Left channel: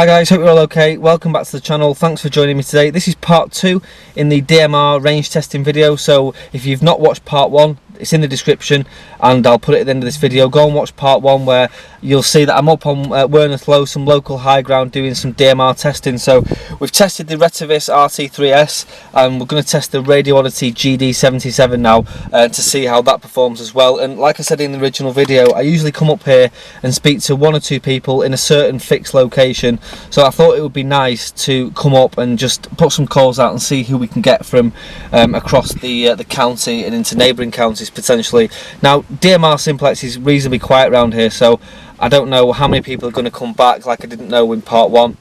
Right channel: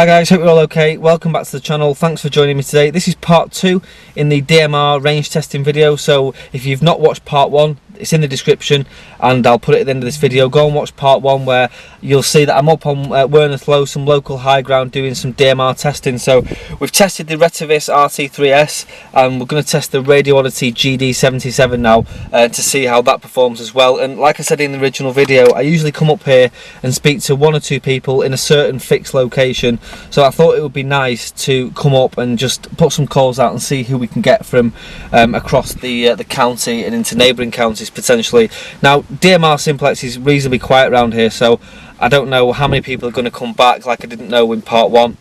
Hi guys, hope you're all okay. Welcome back to the channel. Thanks for joining me today. This is part 2 in the DMR range testing video. So if you've not watched part 1, it's in the description and I'll put it at the end of this video. Go and watch part 1 where you'll see that I'm up on Werneth Low, some local high ground, doing some DMR testing. So we've tested the R.A.D.A.R.S RT3S and we're going to test the Radioddity GD-77 now to see how that performs as well. And like I said in the original video, I usually come up here and speak to 1 or 2 people in a certain fixed location. So I thought it would be nice to come up and just put some calls out and see who we can get from across the county and into neighbouring counties potentially. Now DMR Simplex is reasonably quiet around here, so I don't know how many people are going to come back, like I didn't know in part 1.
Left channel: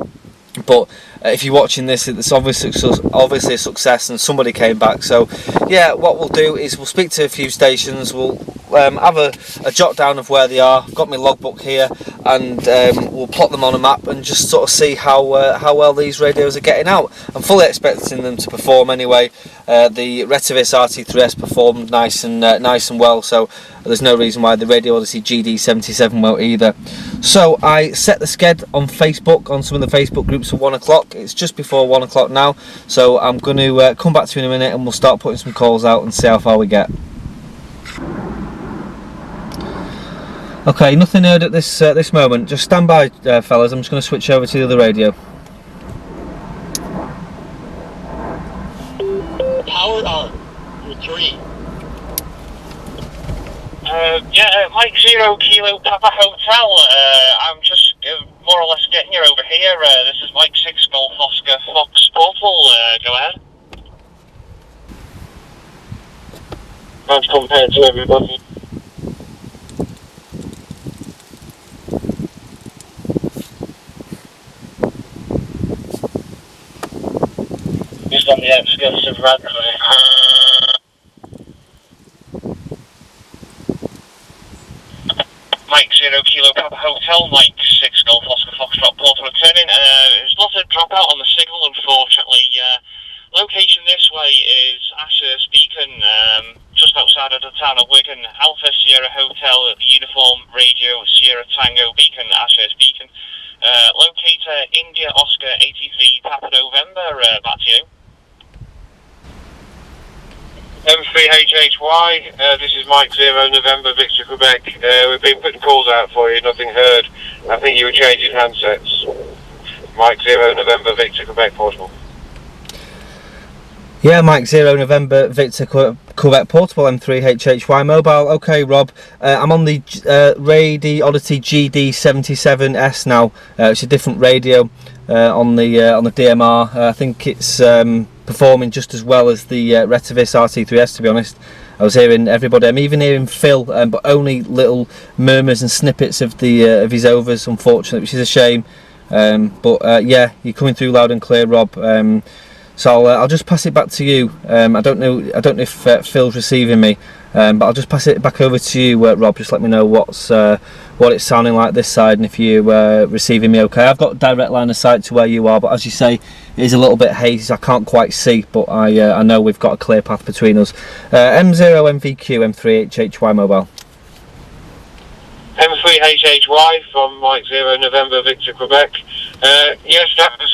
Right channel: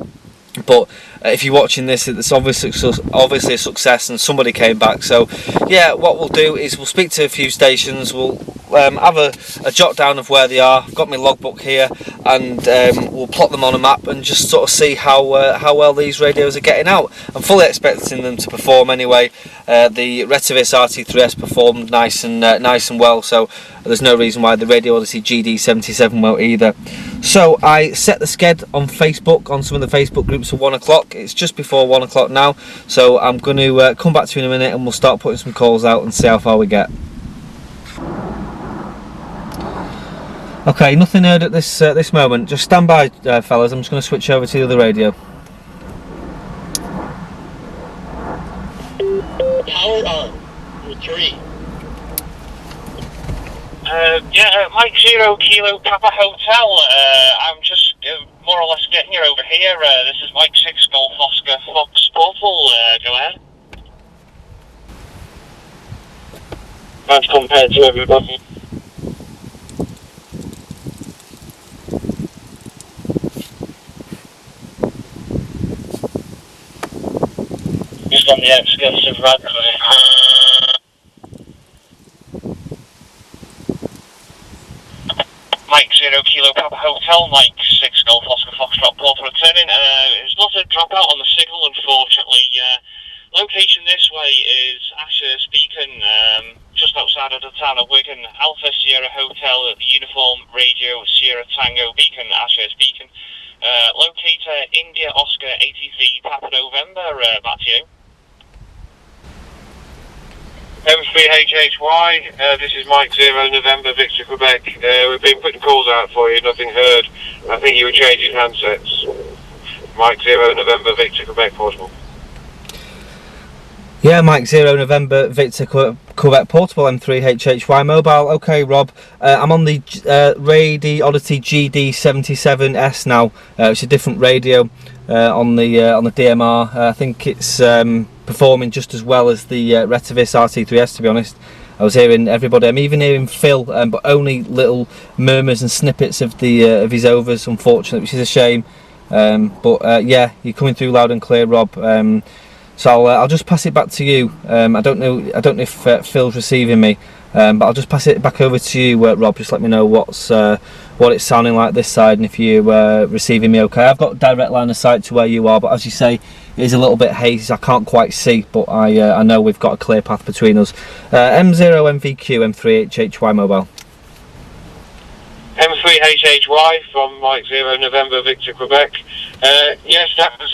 But if you're watching this, it's obviously a success and somebody came back. So yeah, what we'll do is we'll speak to a few stations, we'll have a jot down of where they are. I've got my logbook here and we'll plot them on a map and just sort of see how well these radios are getting out. I'm fully expecting them to perform anyway. The R.A.D.A.R.S RT3S performed nice and well, so there's no reason why the Radioddity GD-77 won't either. So I set the sked on Facebook, on some of the Facebook groups, for 1 o'clock. It's just before 1 o'clock now, so I'm going to come back to you in a minute and we'll start putting some calls out and see how far we get. Okay, nothing heard at this moment. Just stand by, fellas. I'm just going to switch over to the other radio. Power on. 3. Yeah, Mike 0 Kilo Papa Hotel. I'm just more or less getting you over here. This is Mike 6 Golf Oscar Fox Portal. Go ahead. As compared to everybody. Just on the outskirts of R.A.D.A.R.S. Mike 0 Kilo Papa Hotel, Mike 6 Golf Oscar Foxtrot Portal returning. There's not a dropout on the signal, unfortunately. Location this way is R.A.D.A.R.S Beacon, just outside of the town of Wigan. Alpha Sierra Hotel, Uniform Radio Sierra Tango Beacon, R.A.D.A.R.S Beacon. Locator India Oscar 83 Papa November, back to you. M3HHY, this is Mike 0 November Victor Quebec. We've been putting calls out for you, nothing heard. I think you were changing handsets. Mike 0 November Victor Quebec Portable. Yeah, Mike 0 November Victor Quebec Portable M3HHY mobile. Okay, Rob, I'm on the Radioddity GD-77S now. It's a different radio on the DMR. I think it's performing just as well as the R.A.D.A.R.S RT3S, to be honest. I was hearing everybody. I'm even hearing Phil, but only little murmurs and snippets of his overs, unfortunately, which is a shame. But yeah, you're coming through loud and clear, Rob. So I'll just pass it back to you. I don't know if Phil's receiving me, but I'll just pass it back over to you, Rob. Just let me know what it's sounding like this side and if you're receiving me okay. I've got direct line of sight to where you are, but as you say, it is a little bit hazy, so I can't quite see, but I know we've got a clear path between us. M0 MVQ M3HHY mobile. M3HHY from Mike 0 November Victor Quebec. Yes, that was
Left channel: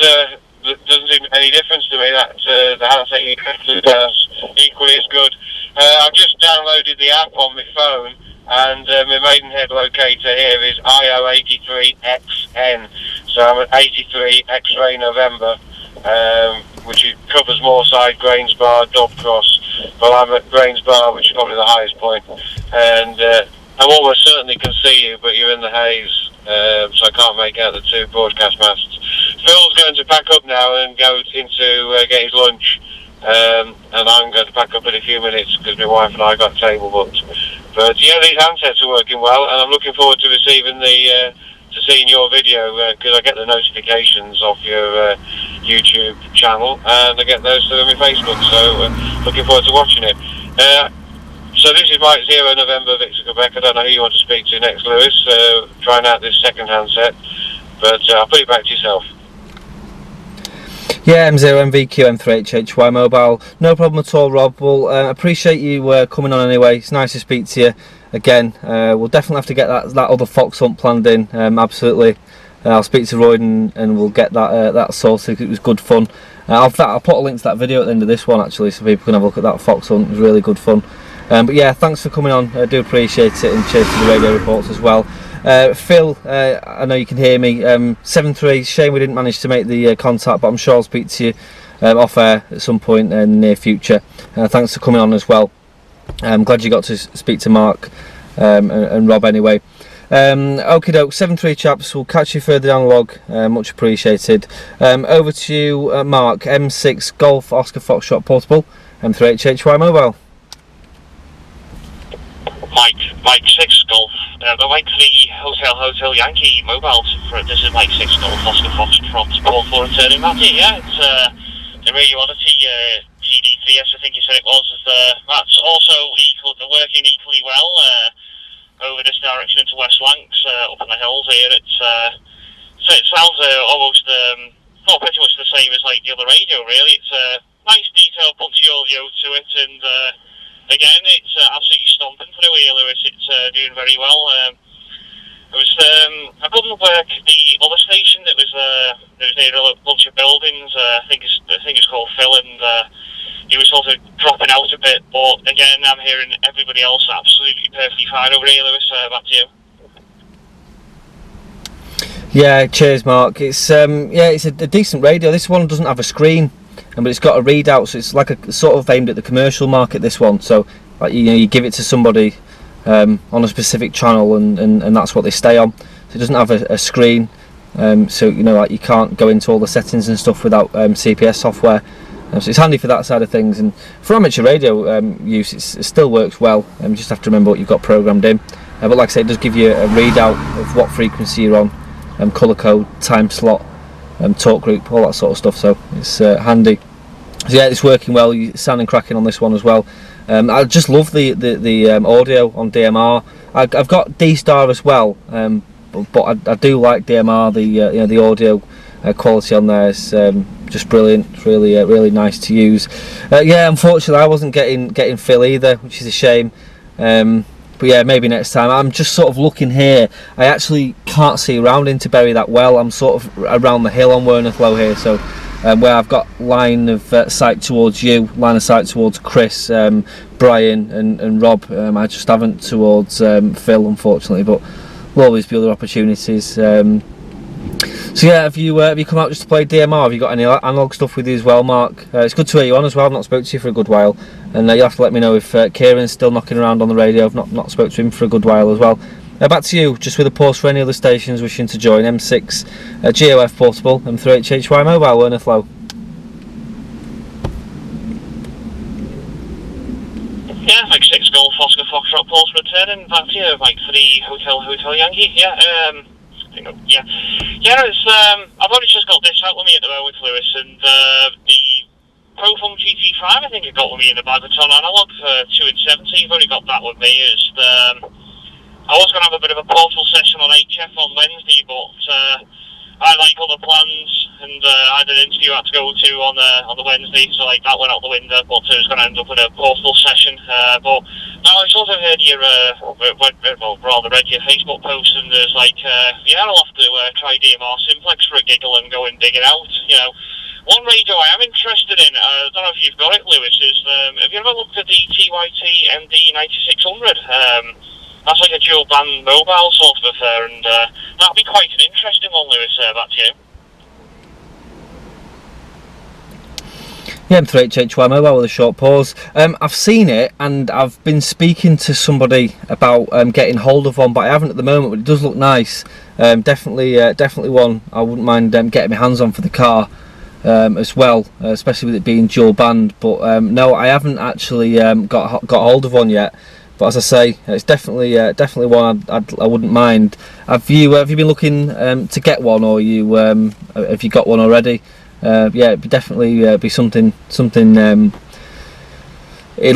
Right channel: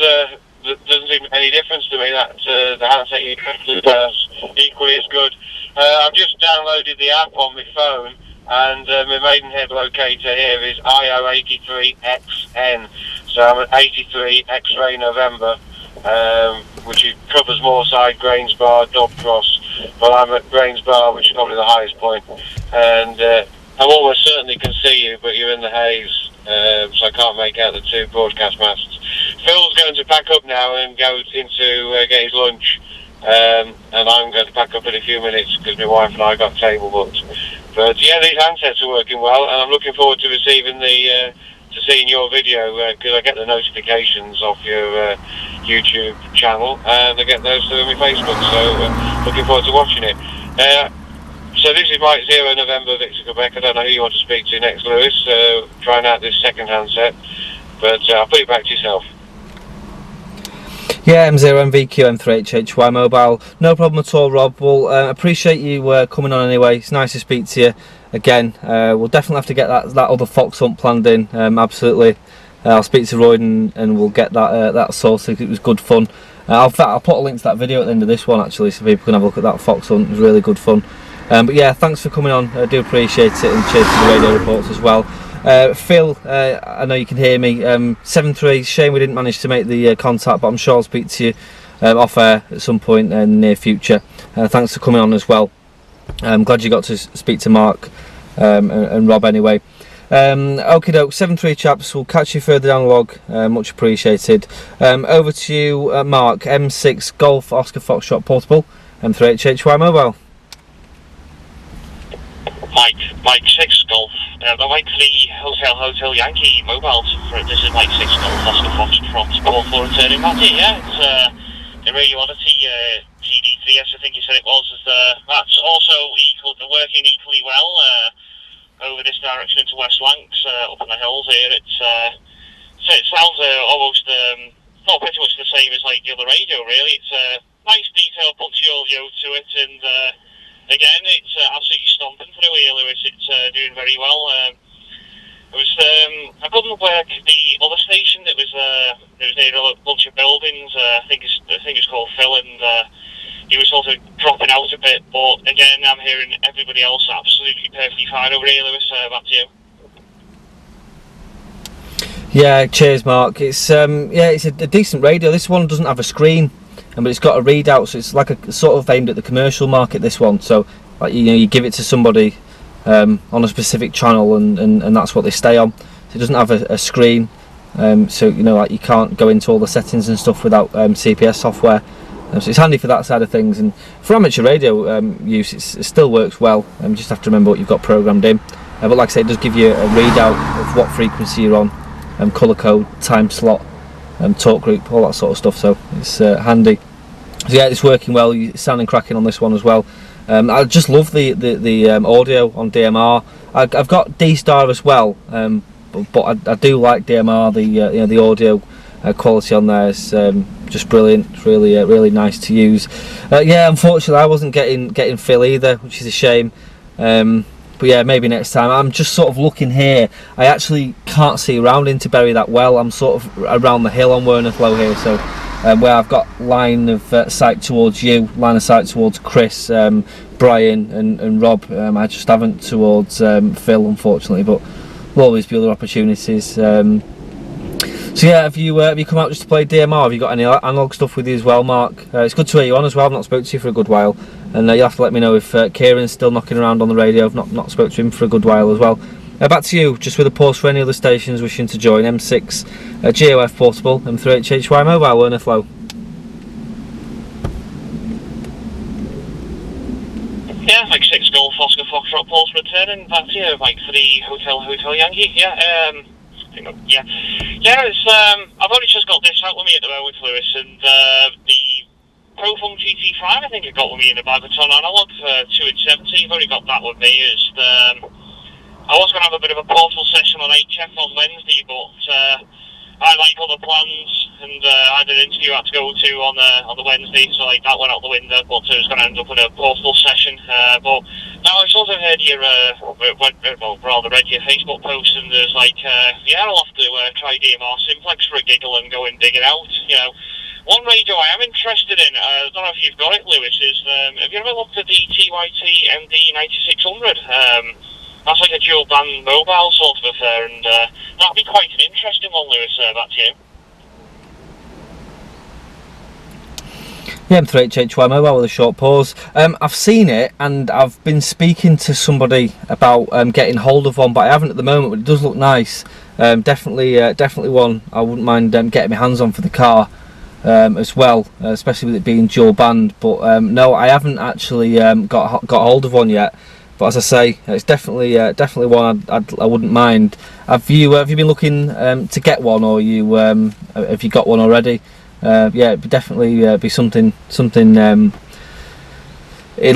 doesn't seem any difference to me. That the handset you is equally as good. I've just downloaded the app on my phone, and my Maidenhead locator here is IO83XN. So I'm at 83 X-ray November, which covers Moorside, Grainsbar, Dobcross. But I'm at Grainsbar, which is probably the highest point. And I almost certainly can see you, but you're in the haze, so I can't make out the 2 broadcast masts. Phil's going to pack up now and go into get his lunch, and I'm going to pack up in a few minutes because my wife and I got table booked. But yeah, these handsets are working well, and I'm looking forward to receiving to seeing your video because I get the notifications off your YouTube channel, and I get those through my Facebook. So looking forward to watching it. So this is Mike 0 November Victor Quebec. I don't know who you want to speak to next, Lewis. Trying out this second handset, but I'll put it back to yourself. Yeah, M0 MVQ M3HHY mobile. No problem at all, Rob. Well, appreciate you coming on anyway. It's nice to speak to you again. We'll definitely have to get that other fox hunt planned in. Absolutely. I'll speak to Roy and we'll get that sorted. It was good fun. I'll put a link to that video at the end of this one actually, so people can have a look at that fox hunt. It was really good fun. But yeah, thanks for coming on. I do appreciate it, and cheers to the radio reports as well. Phil, I know you can hear me. 7-3. Shame we didn't manage to make the contact, but I'm sure I'll speak to you off air at some point in the near future. Thanks for coming on as well. I'm glad you got to speak to Mark and Rob anyway. Okie doke, 7-3 chaps, we'll catch you further down the log, much appreciated. Over to you, Mark. M6 Golf Oscar Foxtrot Portable, M3HHY Mobile. Mike 6 Golf, the Mike 3 Hotel Yankee Mobiles. This is Mike 6 Golf Oscar Foxtrot call for returning Matty. Yeah, it's the Radioddity GD-77S, I think you said it was. That's also working equally well over this direction into West Lancs, up in the hills here. So it sounds almost pretty much the same as like the other radio, really. It's a nice detailed punchy audio to it, and again, it's absolutely stomping through here, Lewis. It's doing very well. I couldn't work the other station that was near a bunch of buildings. I think it's called Phil, and he was sort of dropping out a bit. But again, I'm hearing everybody else absolutely perfectly fine over here, Lewis. Back to you. Yeah, cheers, Mark. It's it's a decent radio. This one doesn't have a screen, but it's got a readout, so it's like a sort of aimed at the commercial market. This one, so like, you give it to somebody on a specific channel, and that's what they stay on. So it doesn't have a screen, so like you can't go into all the settings and stuff without CPS software. So it's handy for that side of things, and for amateur radio use, it still works well. You just have to remember what you've got programmed in. But like I say, it does give you a readout of what frequency you're on, colour code, time slot, talk group, all that sort of stuff. So it's handy. So yeah, it's working well. You're sounding cracking on this one as well. I just love the audio on DMR. I've got D.R.S as well, but I do like DMR. The audio quality on there is just brilliant. It's really nice to use. Yeah, unfortunately I wasn't getting Phil either, which is a shame. But yeah, maybe next time. I'm just sort of looking here. I actually can't see around into Bury that well. I'm sort of around the hill on Wernethlow here, so where I've got line of sight towards you, line of sight towards Chris, Brian and Rob. I just haven't towards Phil, unfortunately, but there'll always be other opportunities. So yeah, have you come out just to play DMR? Have you got any analog stuff with you as well, Mark? It's good to hear you on as well. I've not spoken to you for a good while, and you'll have to let me know if Kieran's still knocking around on the radio. I've not spoke to him for a good while as well. Back to you, just with a pause for any other stations wishing to join. M6 GOF Portable, M3HHY Mobile, Wernethlow. Yeah, Mike 6 Golf Oscar Foxtrot Pulse returning. Back to you, Mike 3 Hotel Yankee. Yeah, it's I've only just got this out with me at the moment, Lewis, and the Prophone GT5 I think I got with me in the bag. It's on analog for 2 and 70. You've only got that with me. I was going to have a bit of a portal session on HF on Wednesday, but I like other plans, and I had an interview I had to go to on the Wednesday, so like that went out the window. But it was going to end up in a portal session. But now I sort of heard your read your Facebook post, and there's like I'll have to try DMR Simplex for a giggle and go and dig it out. One radio I am interested in, I don't know if you've got it, Lewis, is have you ever looked at the TYT MD9600? That's like a dual band mobile sort of affair, and that'd be quite an interesting one, Lewis. Back to you. Yeah, M3HHY Mobile with a short pause. I've seen it, and I've been speaking to somebody about getting hold of one, but I haven't at the moment. But it does look nice. Definitely one I wouldn't mind getting my hands on for the car as well, especially with it being dual band. But no, I haven't actually got hold of one yet. But as I say, it's definitely one I wouldn't mind. Have you been looking to get one, or have you got one already? Yeah, it'd definitely be something. It'd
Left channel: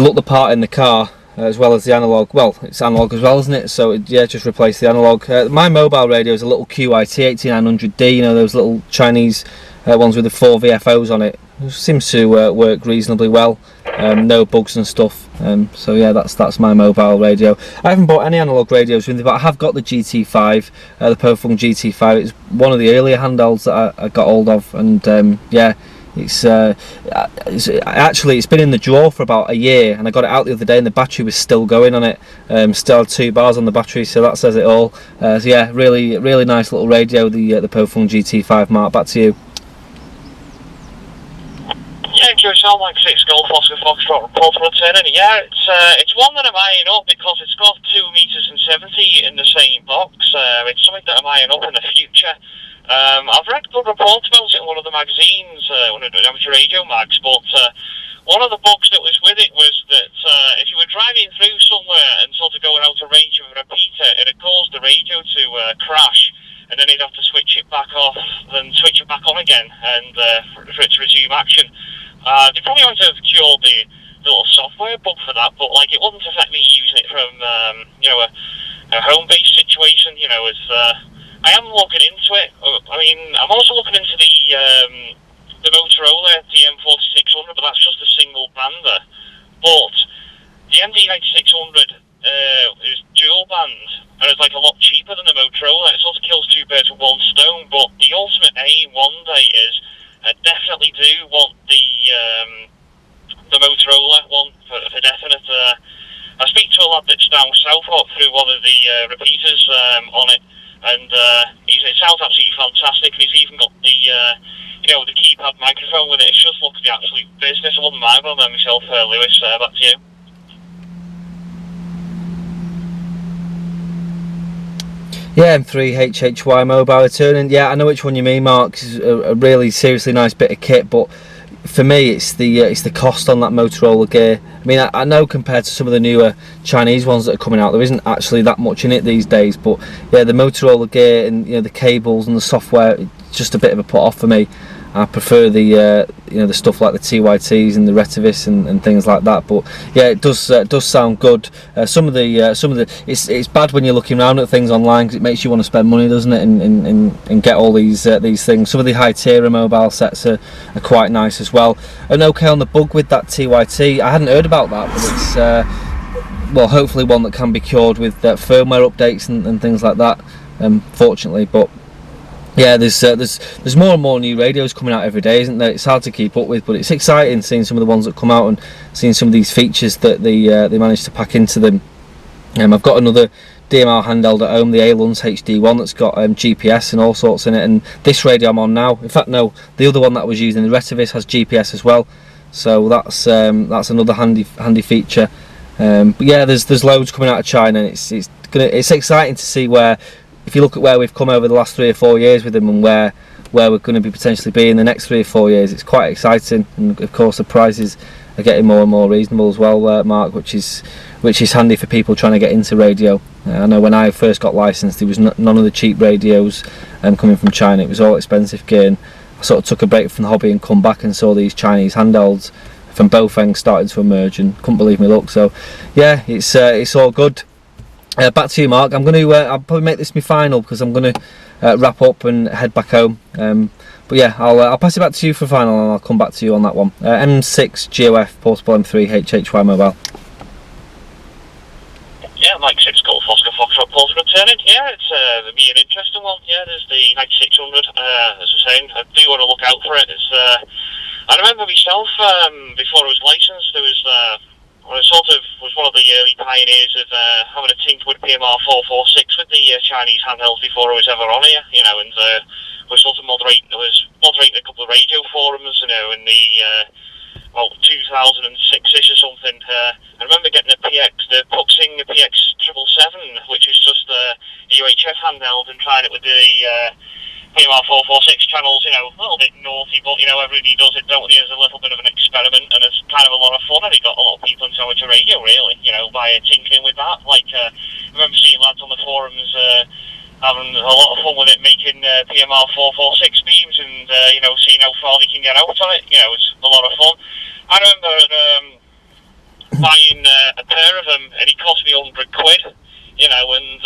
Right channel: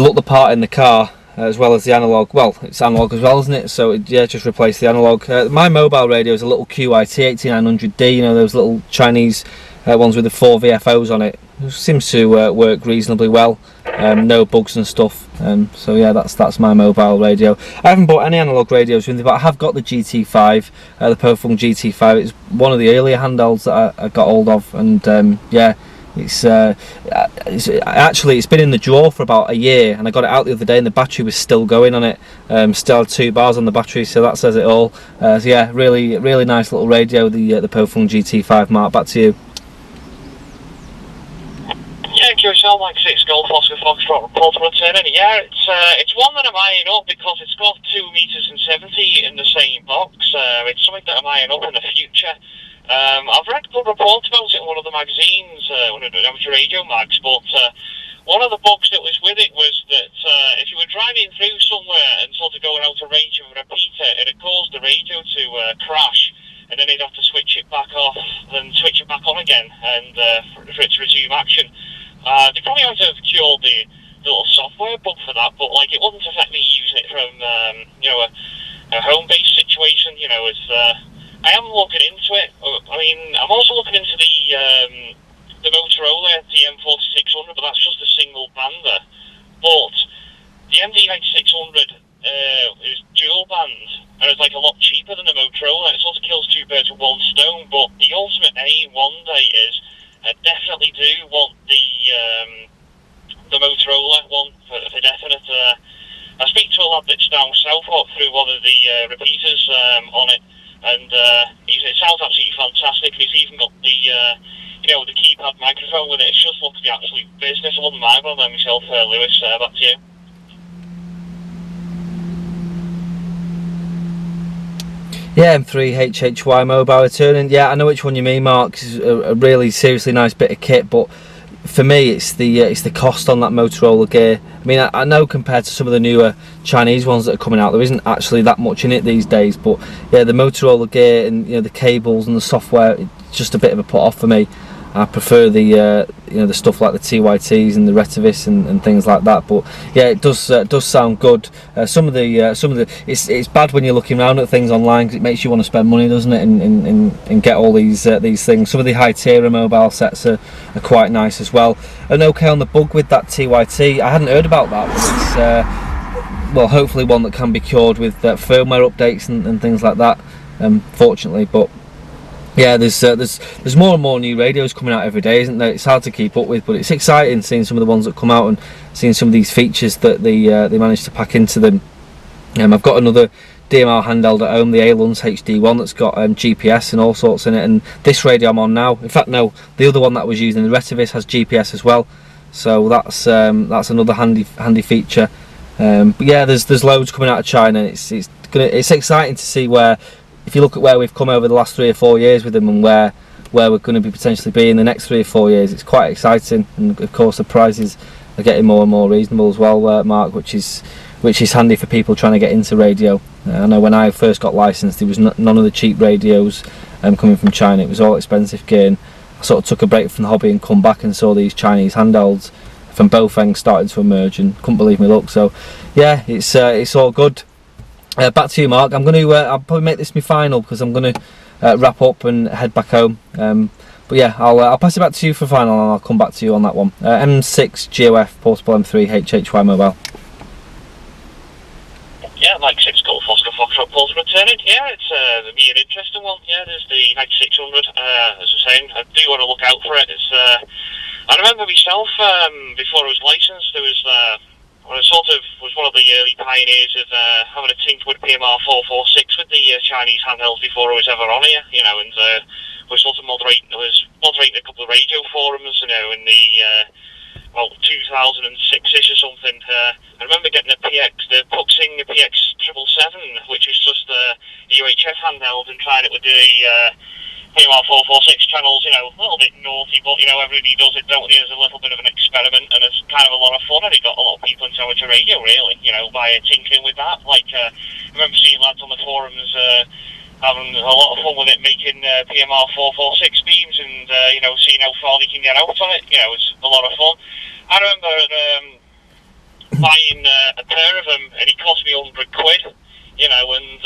look the part in the car as well as the analog. Well, it's analog as well, isn't it? So just replace the analog. My mobile radio is a little QIT 8900D. Those little Chinese ones with the 4 VFOs on it. It seems to work reasonably well, no bugs and stuff. So yeah, that's my mobile radio. I haven't bought any analog radios with it, but I have got the GT5, the Profung GT5. It's one of the earlier handhelds that I got hold of, and yeah, it's been in the drawer for about a year, and I got it out the other day and the battery was still going on it. Still had 2 bars on the battery, so that says it all. So yeah, really nice little radio, the Profung GT5. Mark, back to you. Yeah, QSL like 6 Golf Oscar Foxtrot Portable Turner. Yeah, it's one that I'm eyeing up because it's got 2 meters and 70 in the same box. It's something that I'm eyeing up in the future. I've read good reports about it in one of the magazines, one of the amateur radio mags, but one of the books that was with it was that if you were driving through somewhere and sort of going out of range of a repeater, it had caused the radio to crash, and then you'd have to switch it back off, then switch it back on again, and for it to resume action. They probably might have cured the little software bug for that, but like it wouldn't affect me using it from you know, a home-based situation. You know, as I am looking into it. I mean, I'm also looking into the Motorola DM4600, but that's just a single bander. But the MD9600 is dual band, and it's like a lot cheaper than the Motorola. It sort of kills 2 birds with 1 stone. But the ultimate aim one day is I definitely do want the Motorola one for definite. I speak to a lad that's down south through one of the repeaters on it. And it sounds absolutely fantastic. And he's even got the you know, the keypad microphone with it. It just looks the absolute business. I wouldn't mind one there myself, Lewis. Back to you. Yeah, M3HHY mobile returning. Yeah, I know which one you mean, Mark. It's a really seriously nice bit of kit, but for me, it's the cost on that Motorola gear. I mean, I know compared to some of the newer Chinese ones that are coming out, there isn't actually that much in it these days. But yeah, the Motorola gear and, you know, the cables and the software, it's just a bit of a put off for me. I prefer the you know, the stuff like the TYTs and the Retivis and things like that. But yeah, it does sound good. Some of the it's bad when you're looking around at things online because it makes you want to spend money, doesn't it? And get all these things. Some of the high-tier mobile sets are quite nice as well. And okay on the bug with that TYT, I hadn't heard about that, but it's well, hopefully one that can be cured with firmware updates and things like that. Fortunately, but yeah, there's more and more new radios coming out every day, isn't there? It's hard to keep up with, but it's exciting seeing some of the ones that come out and seeing some of these features that they managed to pack into them. I've got another DMR handheld at home, the A-Luns HD1, that's got GPS and all sorts in it, and this radio I'm on now, in fact no, the other one that I was using, the Retivis, has GPS as well, so that's another handy feature. But yeah, there's loads coming out of China. It's exciting to see where, if you look at where we've come over the last 3 or 4 years with them, and where we're going to be potentially be in the next 3 or 4 years, it's quite exciting. And of course the prices are getting more and more reasonable as well, Mark, which is handy for people trying to get into radio. I know when I first got licensed, there was none of the cheap radios coming from China. It was all expensive gear, and I sort of took a break from the hobby and come back and saw these Chinese handhelds from both ends starting to emerge, and couldn't believe my luck. So yeah, it's all good. Back to you, Mark. I'm going to I'll probably make this my final, because I'm going to wrap up and head back home. But yeah, I'll pass it back to you for final, and I'll come back to you on that one. M6 GOF portable M3 HHY mobile. Yeah, Mike 6 Golf Oscar Foxtrot portable returning. Yeah, it's be an interesting one. Yeah, there's the 9600. As I was saying, I do want to look out for it. It's I remember myself before I was licensed, there was I sort of was one of the early pioneers of having a tinker with PMR 446 with the Chinese handhelds before I was ever on here, you know, and was sort of moderating a couple of radio forums, you know, in the 2006ish or something. I remember getting the Puxing PX777, which was just a UHF handheld, and trying it with the PMR 446 channels, you know, a little bit naughty, but, you know, everybody does it, don't they, as a little bit of an experiment, and it's kind of a lot of fun, and it got a lot of people into amateur radio, really, you know, by tinkering with that. Like, I remember seeing lads on the forums having a lot of fun with it, making PMR 446 beams, and, you know, seeing how far they can get out on it. You know, it's a lot of fun. I remember buying a pair of them, and it cost me £100, you know, and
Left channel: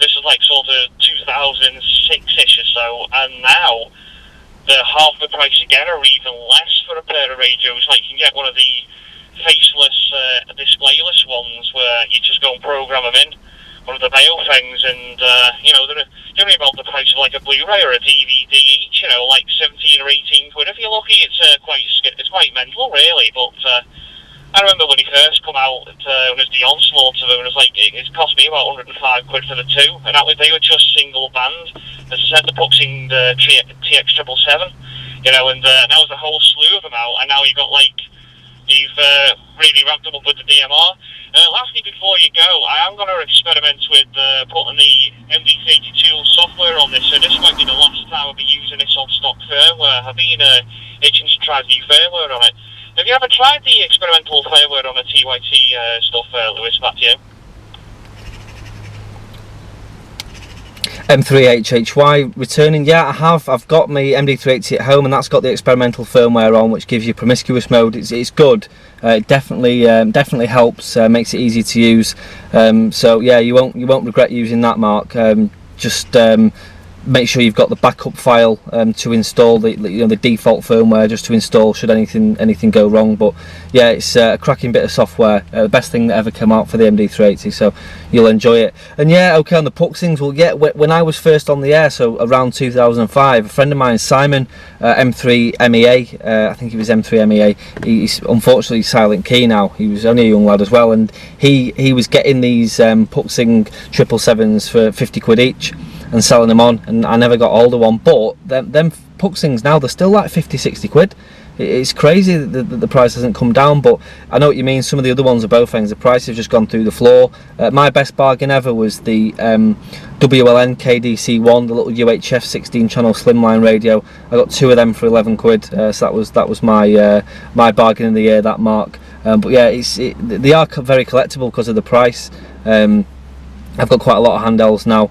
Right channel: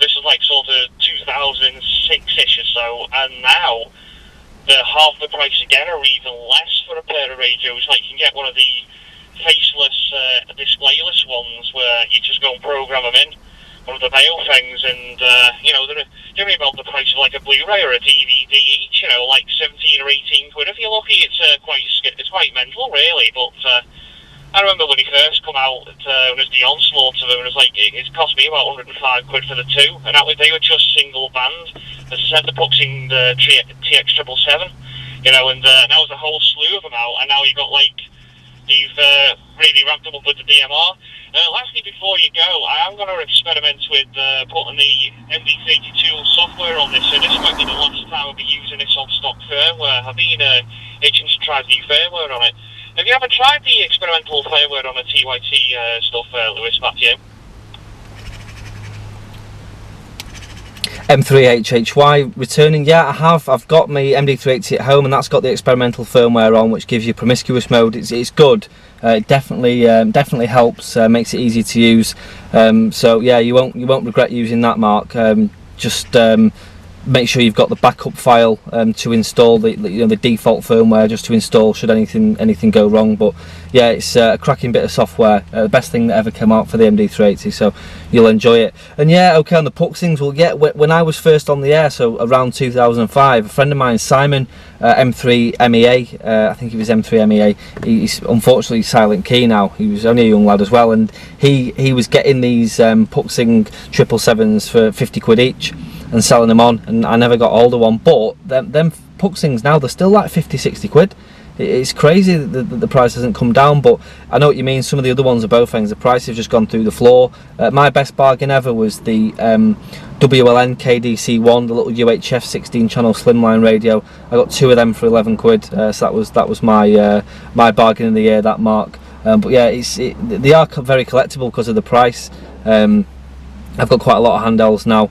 this was like sort of 2006-ish or so, and now they're half the price again, or even less for a pair of radios. Like, you can get one of the faceless, displayless ones where you just go and program them in, one of the Mayo things, and you know, they're generally about the price of like a Blu-ray or a DVD each. You know, like 17 or 18 quid if you're lucky. It's quite mental, really. But I remember when he first come out, when it was the onslaught of them, it was like it cost me about 105 quid for the two, and they were just single band. As I said, the puck's in the TX777, you know, and now there's a whole slew of them out, and now you've got like you've really ramped them up with the DMR. Lastly, before you go, I am going to experiment with putting the MD32 software on this, so this might be the last time I'll be using this on stock firmware. I've been itching to try the firmware on it. Have you ever tried the experimental firmware on the TYT stuff, Lewis, back to you? M3HHY returning, yeah, I have. I've got my MD380 at home, and that's got the experimental firmware on, which gives you promiscuous mode. It's good. It definitely helps. Makes it easy to use. So yeah, you won't regret using that, Mark. Just make sure you've got the backup file to install the default firmware, just to install should anything go wrong. But yeah, it's a cracking bit of software, the best thing that ever came out for the MD380, so you'll enjoy it. And yeah, okay, on the puxings, well, yeah, when I was first on the air, so around 2005, a friend of mine, Simon, M3 MEA, I think he was M3 MEA, he's unfortunately silent key now. He was only a young lad as well, and he was getting these puxing 777s for 50 quid each and selling them on, and I never got hold of one. But them puxings now, they're still like 50-60 quid. It's crazy that the price hasn't come down, but I know what you mean. Some of the other ones are both things, the price has just gone through the floor. My best bargain ever was the WLN KDC1, the little UHF 16 channel slimline radio. I got two of them for 11 quid, so that was my my bargain of the year, that, Mark. But yeah, they are very collectible because of the price. I've got quite a lot of handhelds now,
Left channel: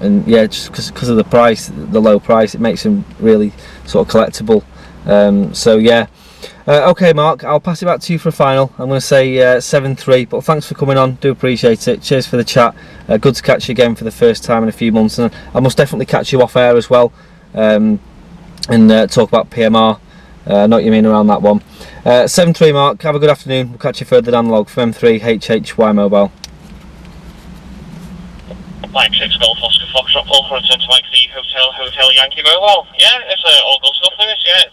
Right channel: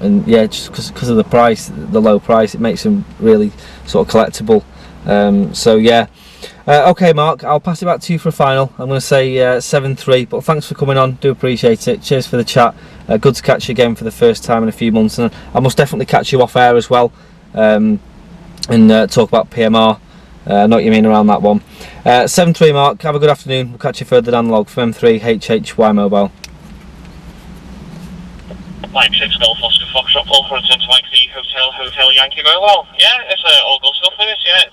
and yeah, just because of the price, the low price, it makes them really sort of collectible. So yeah, okay, Mark, I'll pass it back to you for a final. I'm going to say 7-3, but thanks for coming on, do appreciate it. Cheers for the chat. Good to catch you again for the first time in a few months, and I must definitely catch you off air as well, and talk about PMR. I know what you mean around that one. 7-3, Mark, have a good afternoon. We'll catch you further down the log from M3HHY Mobile. Mike 6 Golf Oscar Foxtrot Paul for to Mike the Hotel Yankee Mobile. Yeah, it's all good stuff, Lewis. Yeah,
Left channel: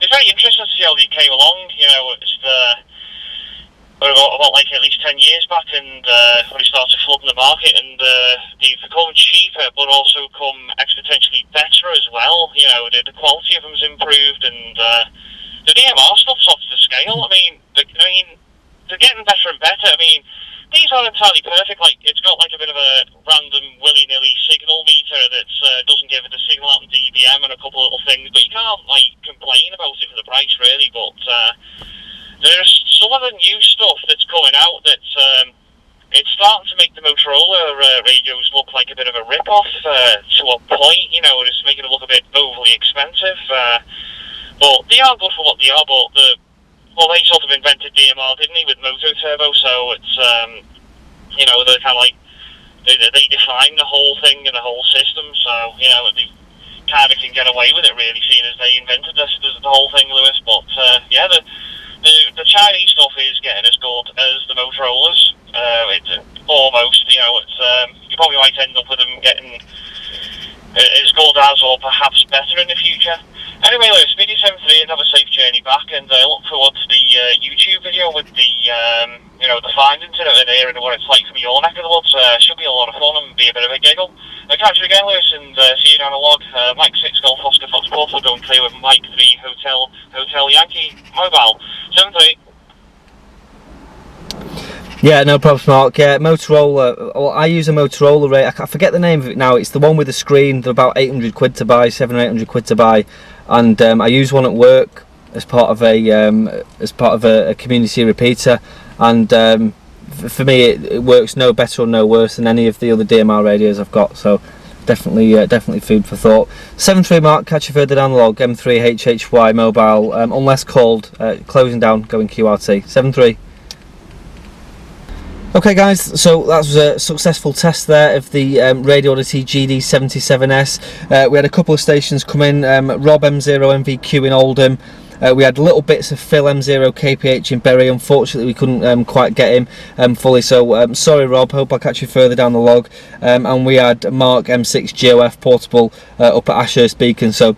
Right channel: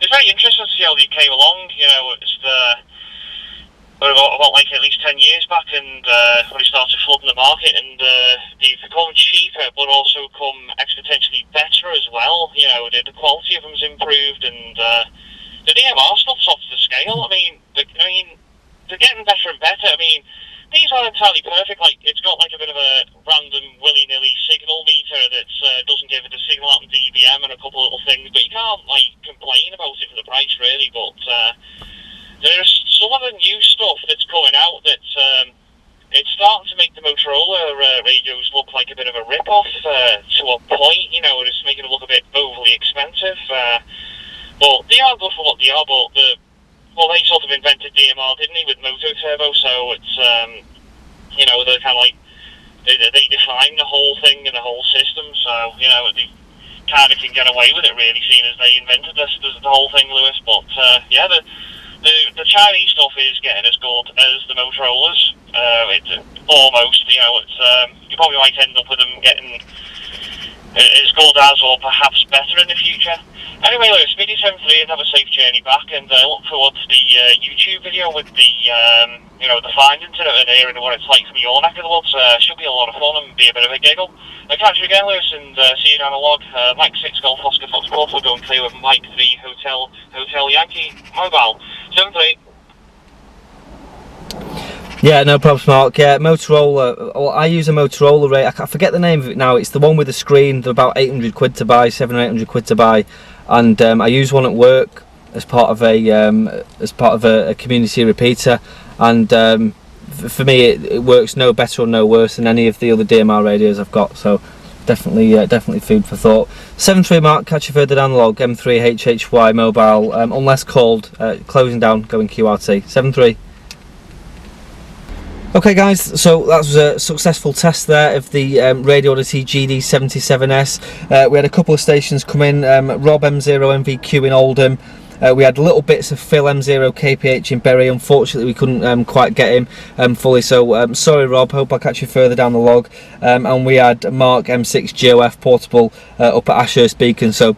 it's very interesting to see how they came along. You know, it's about like at least 10 years back, and when they started flooding the market, and they've become cheaper, but also come exponentially better as well. You know, the quality of them's improved, and the DMR stuff's off the scale. I mean, they're getting better and better. I mean, these aren't entirely perfect. Like, it's got like a bit of a random willy-nilly signal meter that doesn't give it a signal out in dBm and a couple of little things, but you can't like complain about it for the price, really. But there's some of the new stuff that's coming out that's it's starting to make the Motorola radios look like a bit of a rip-off to a point. You know, it's making it look a bit overly expensive. But they are good for what they are. But they sort of invented DMR, didn't they, with Moto Turbo? So it's you know, they're kind of like they define the whole thing and the whole system. So you know, they kind of can get away with it, really, seeing as they invented the whole thing, Lewis. But yeah, the Chinese stuff is getting as good as the Motorola's. Almost, you know, it's you probably might end up with them getting as good as, or perhaps better in the future. Anyway, Lewis, speed you 7-3 and have a safe journey back, and look forward to the YouTube video with the you know, the findings in it and hearing what it's like from your neck of the woods. Should be a lot of fun and be a bit of a giggle. I'll catch you again, Lewis, and see you down the log. Mike 6 Golf Oscar Foxtrot, we're going clear with Mike 3 Hotel Yankee Mobile. 7-3. Yeah, no problems, Mark. Yeah, Motorola. Well, I use a Motorola ray. I forget the name of it now. It's the one with the screen. They're about 800 quid to buy, 700 or 800 quid to buy, and I use one at work as part of a community repeater, and for me it works no better or no worse than any of the other DMR radios I've got. So definitely food for thought. 7-3, Mark. Catch you further down the log. M3HHY Mobile. Unless called, closing down, going QRT. 7-3. Okay guys, so that was a successful test there of the Radioddity GD-77S. We had a couple of stations come in, Rob M0 MVQ in Oldham. We had little bits of Phil M0 KPH in Bury. Unfortunately, we couldn't quite get him fully, so sorry Rob, hope I'll catch you further down the log. And we had Mark M6 GOF portable up at Ashurst Beacon, so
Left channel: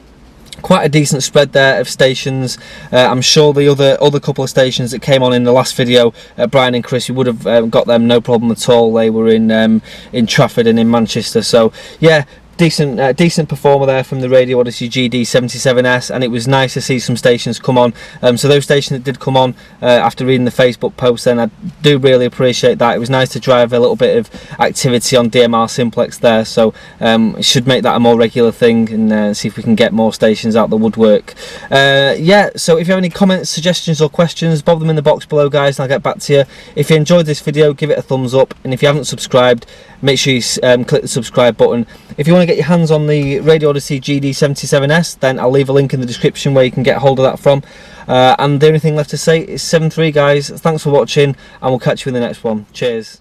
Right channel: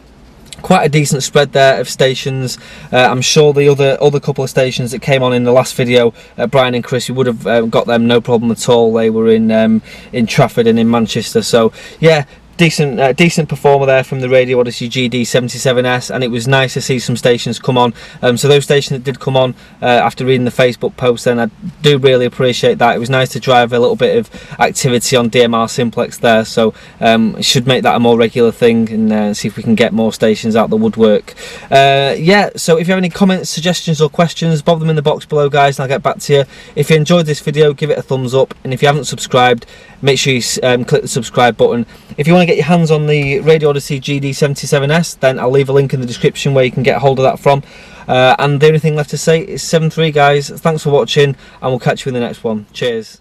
quite a decent spread there of stations. I'm sure the other couple of stations that came on in the last video, Brian and Chris, you would have got them no problem at all. They were in Trafford and in Manchester, so yeah, decent performer there from the Radioddity GD-77S, and it was nice to see some stations come on. So those stations that did come on after reading the Facebook post, then I do really appreciate that. It was nice to drive a little bit of activity on DMR Simplex there, so it should make that a more regular thing, and see if we can get more stations out the woodwork. Yeah, so if you have any comments, suggestions or questions, bob them in the box below guys, and I'll get back to you. If you enjoyed this video, give it a thumbs up, and if you haven't subscribed, make sure you click the subscribe button. If you want to get your hands on the Radioddity GD-77S, then I'll leave a link in the description where you can get hold of that from. And the only thing left to say is 7-3 guys, thanks for watching, and we'll catch you in the next one. Cheers.